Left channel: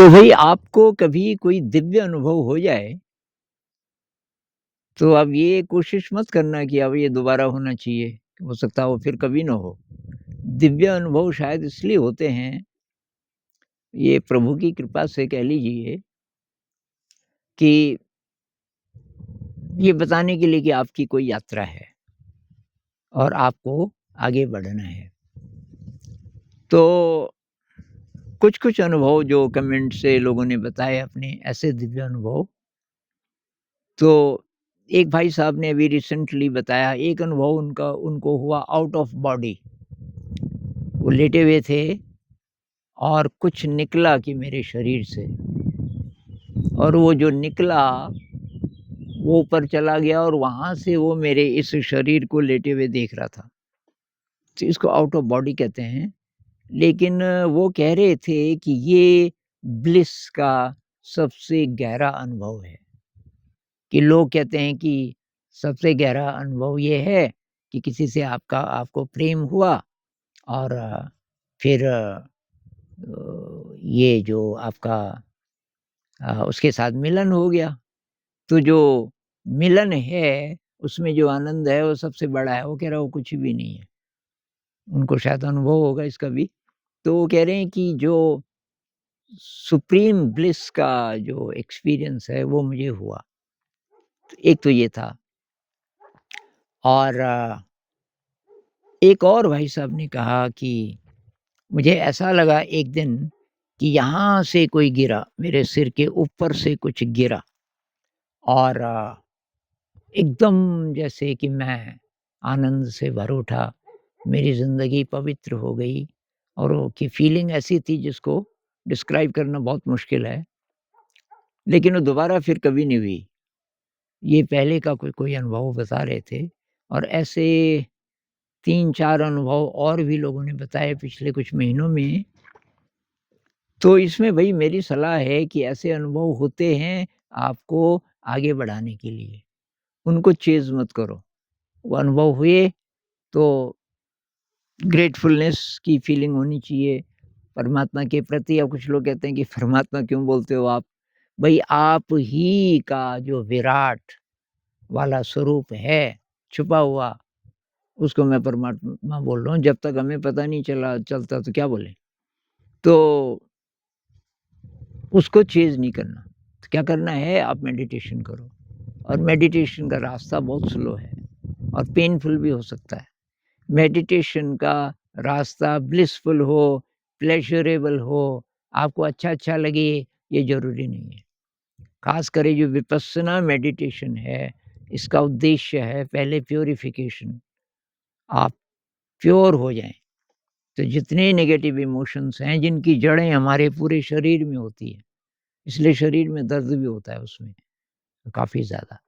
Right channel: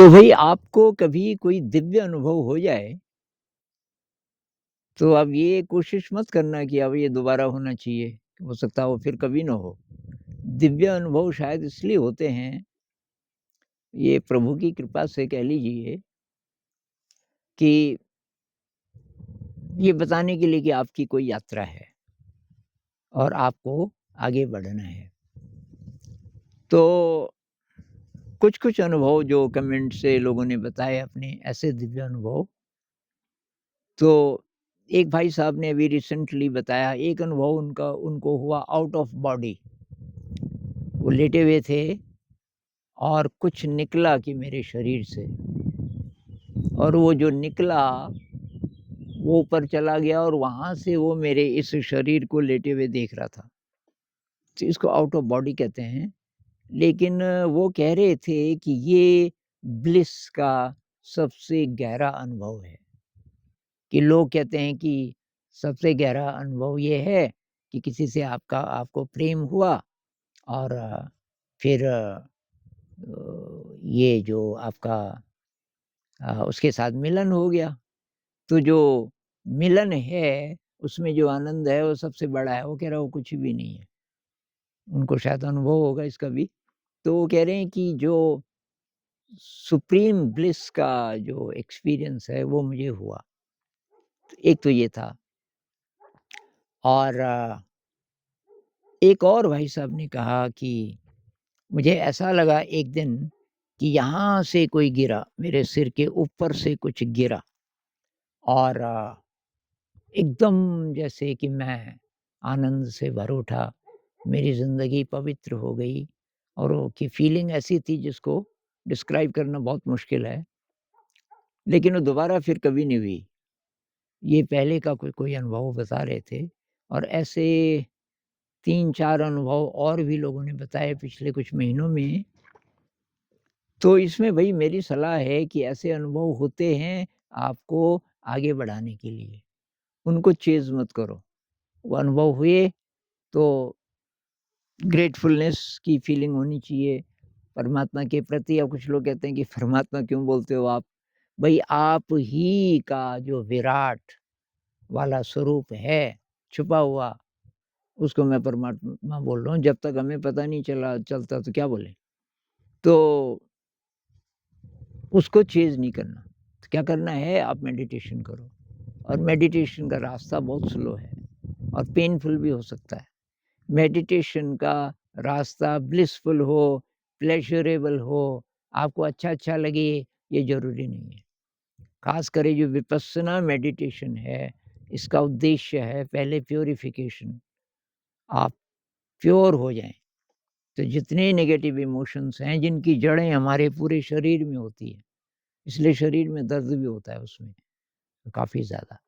तो भई आपको कभी कोई दिव्य अनुभव हो जाए, तो आप ये कोशिश मत करना कि अब ये दोबारा होना चाहिए, हो सकता है वो फिर कभी ना हो। दिव्य अनुभव शायद इसलिए होते हैं, ये प्रभु की कृपा से कह लीजिए कि ये बताने के लिए कि आपकी कोई यात्रा है और आपको आगे बढ़ना है। तो कुछ-कुछ अनुभव जो कमेंट से लोगों ने बताए अपने ऐसे दिव्य अनुभव, तो एक भाई साहब ने अभी रिसेंटली बताया एक अनुभव उनको हुआ आउट ऑफ बॉडी। वो लेटे हुए थे और कुछ निकला कि मेरे शरीर से और वो जो निकला, वो ऊपर चला गया और वहाँ से वो मेरे इस शरीर को लेटे हुए देख रहा था। तो इसको आउट ऑफ बॉडी कहते हैं। लेकिन वो कह रहे थे कि ये ब्लिस का सबसे गहरा अनुभव है। कि लोग कहते हैं कि सबसे गहरा अनुभव ये है कि किसी से आपको प्रेम हुआ और फिर ये जो आपका उसके साथ मिलन हो गया। तो जो मिलन है, उसमें जो आनंद है वो सबसे बड़ा है। वो कह रहा है वो कुछ भी नहीं है। उनको शायद अनुभव होगा इसका भी। तो वो कह रहे हैं कि जो सुप्रीम ब्लिस का जो एक्सपीरियंस है वो मुझे हुआ। एक तो ये था और एक और भाई साहब ने कहा कि मुझे ऐसा लगा एक दिन कि यहाँ से कोई गिरा, मेरे सिर के ऊपर से कुछ गिरा और एकदम जैसे कि मैं आनंद से भर उठा, मेरी ज़िंदगी पवित्र हो गई और वो की फीलिंग ऐसी थी जिसको डिस्क्राइब करना बहुत मुश्किल है, लेकिन वो दोबारा फिर कभी नहीं हुई। ये पहले का कोई कोई अनुभव बता रहे थे और ऐसे 3-4 अनुभव और भी लोगों ने बताए पिछले कुछ महीनों में। तो इसमें भई मेरी सलाह है कि ऐसे अनुभव होते हैं आपको आगे बढ़ाने के लिए, उनको चेज़ मत करो। वो अनुभव हुए तो ग्रेटफुलनेस की फीलिंग होनी चाहिए परमात्मा के प्रति। अब कुछ लोग कहते हैं कि परमात्मा क्यों बोलते हो आप? भई आप ही का जो विराट वाला स्वरूप है, छुपा हुआ, उसको मैं परमात्मा बोल रहा हूँ। जब तक हमें पता नहीं चलता तो क्या बोलें? तो उसको चेज़ नहीं करना। तो क्या करना है, आप मेडिटेशन करो और मेडिटेशन का रास्ता बहुत स्लो है और पेनफुल भी हो सकता है। मेडिटेशन का रास्ता ब्लिसफुल हो, प्लेज़रेबल हो, आपको अच्छा-अच्छा लगे, ये ज़रूरी नहीं है। ख़ास कर ये जो विपस्सना मेडिटेशन है, इसका उद्देश्य है पहले प्यूरिफ़िकेशन। आप प्योर हो जाएँ। तो जितने नेगेटिव इमोशंस हैं, जिनकी जड़ें हमारे पूरे शरीर में होती हैं, इसलिए शरीर में दर्द भी होता है उसमें, काफ़ी ज़्यादा।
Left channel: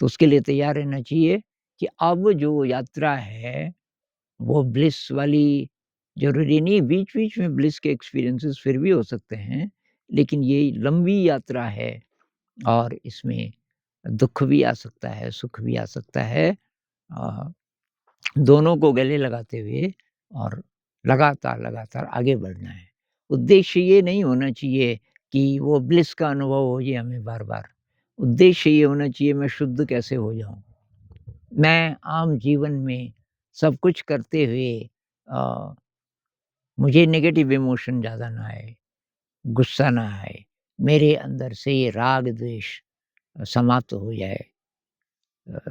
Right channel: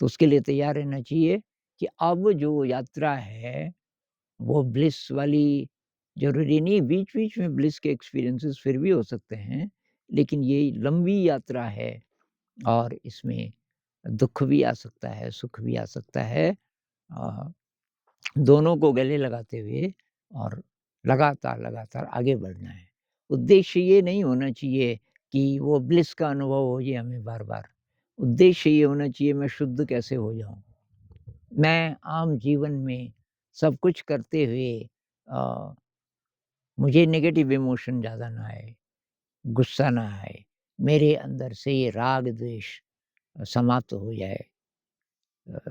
तो उसके लिए तैयार रहना चाहिए कि अब जो यात्रा है, वो ब्लिस वाली ज़रूरी नहीं, बीच-बीच में ब्लिस के एक्सपीरियंसेस फिर भी हो सकते हैं, लेकिन ये लंबी यात्रा है और इसमें दुःख भी आ सकता है, सुख भी आ सकता है। अ, दोनों को गले लगाते हुए और लगातार-लगातार आगे बढ़ना है। उद्देश्य ये नहीं होना चाहिए कि वो ब्लिस का अनुभव हो ये हमें बार-बार। उद्देश्य ये होना चाहिए मैं शुद्ध कैसे हो जाऊँ? मैं आम जीवन में सब कुछ करते हुए अ, मुझे नेगेटिव इमोशन ज़्यादा ना आए, गुस्सा ना आए, मेरे अंदर से ये राग-द्वेष समाप्त हो जाए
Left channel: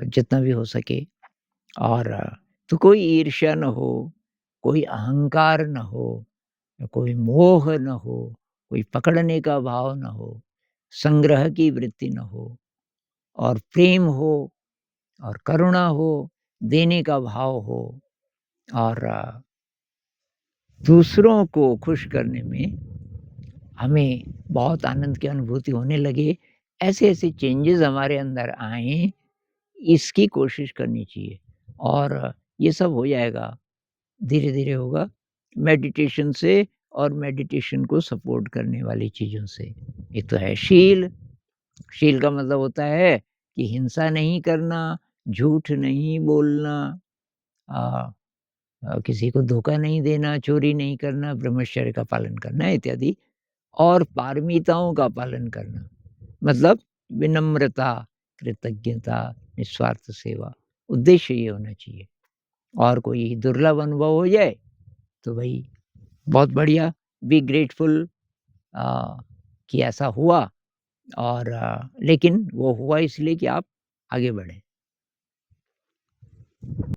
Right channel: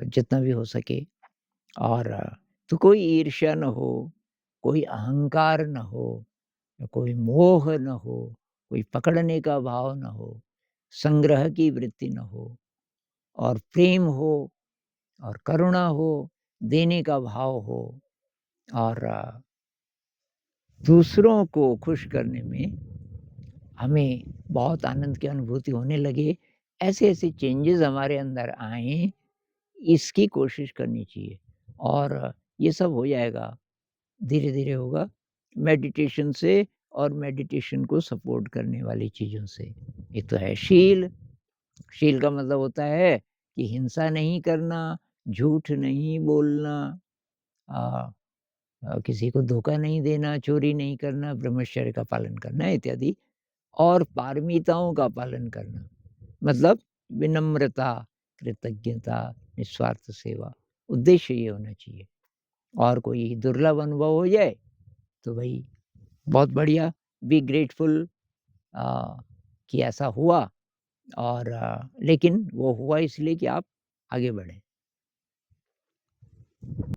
जितना भी हो सके और तो कोई ईर्ष्या ना हो, कोई अहंकार ना हो, कोई मोह ना हो, कोई पकड़ने का भाव ना हो, संग्रह की वृत्ति ना हो और प्रेम हो और करुणा हो, देने का भाव हो और दूसरों को खुश करने में हमें बहुत आनंद की अनुभूति होने लगे। ऐसे-ऐसे चेंजेज़ हमारे अंदर आएँ, इसकी कोशिश करनी चाहिए और ये सब हो जाएगा, धीरे-धीरे होगा मेडिटेशन से और मेडिटेशन को सपोर्ट करने वाली चीज़ों से। एक तो है शील, शील का मतलब होता है कि हिंसा नहीं करना, झूठ नहीं बोलना, अ किसी को धोखा नहीं देना, चोरी नहीं करना, ब्रह्मचर्य का पालन करना इत्यादि। और पारमिताओं का पालन करना। मतलब विनम्रता, कृतज्ञता, निस्वार्थ सेवा, उद्देश्य ये होना चाहिए। और कोई दुर्लभ अनुभव हो जाए तो भई बहुत बढ़िया, बी ग्रेटफुल अ, कि ऐसा हुआ और लेकिन वो हुआ इसलिए कि आप आगे बढ़े।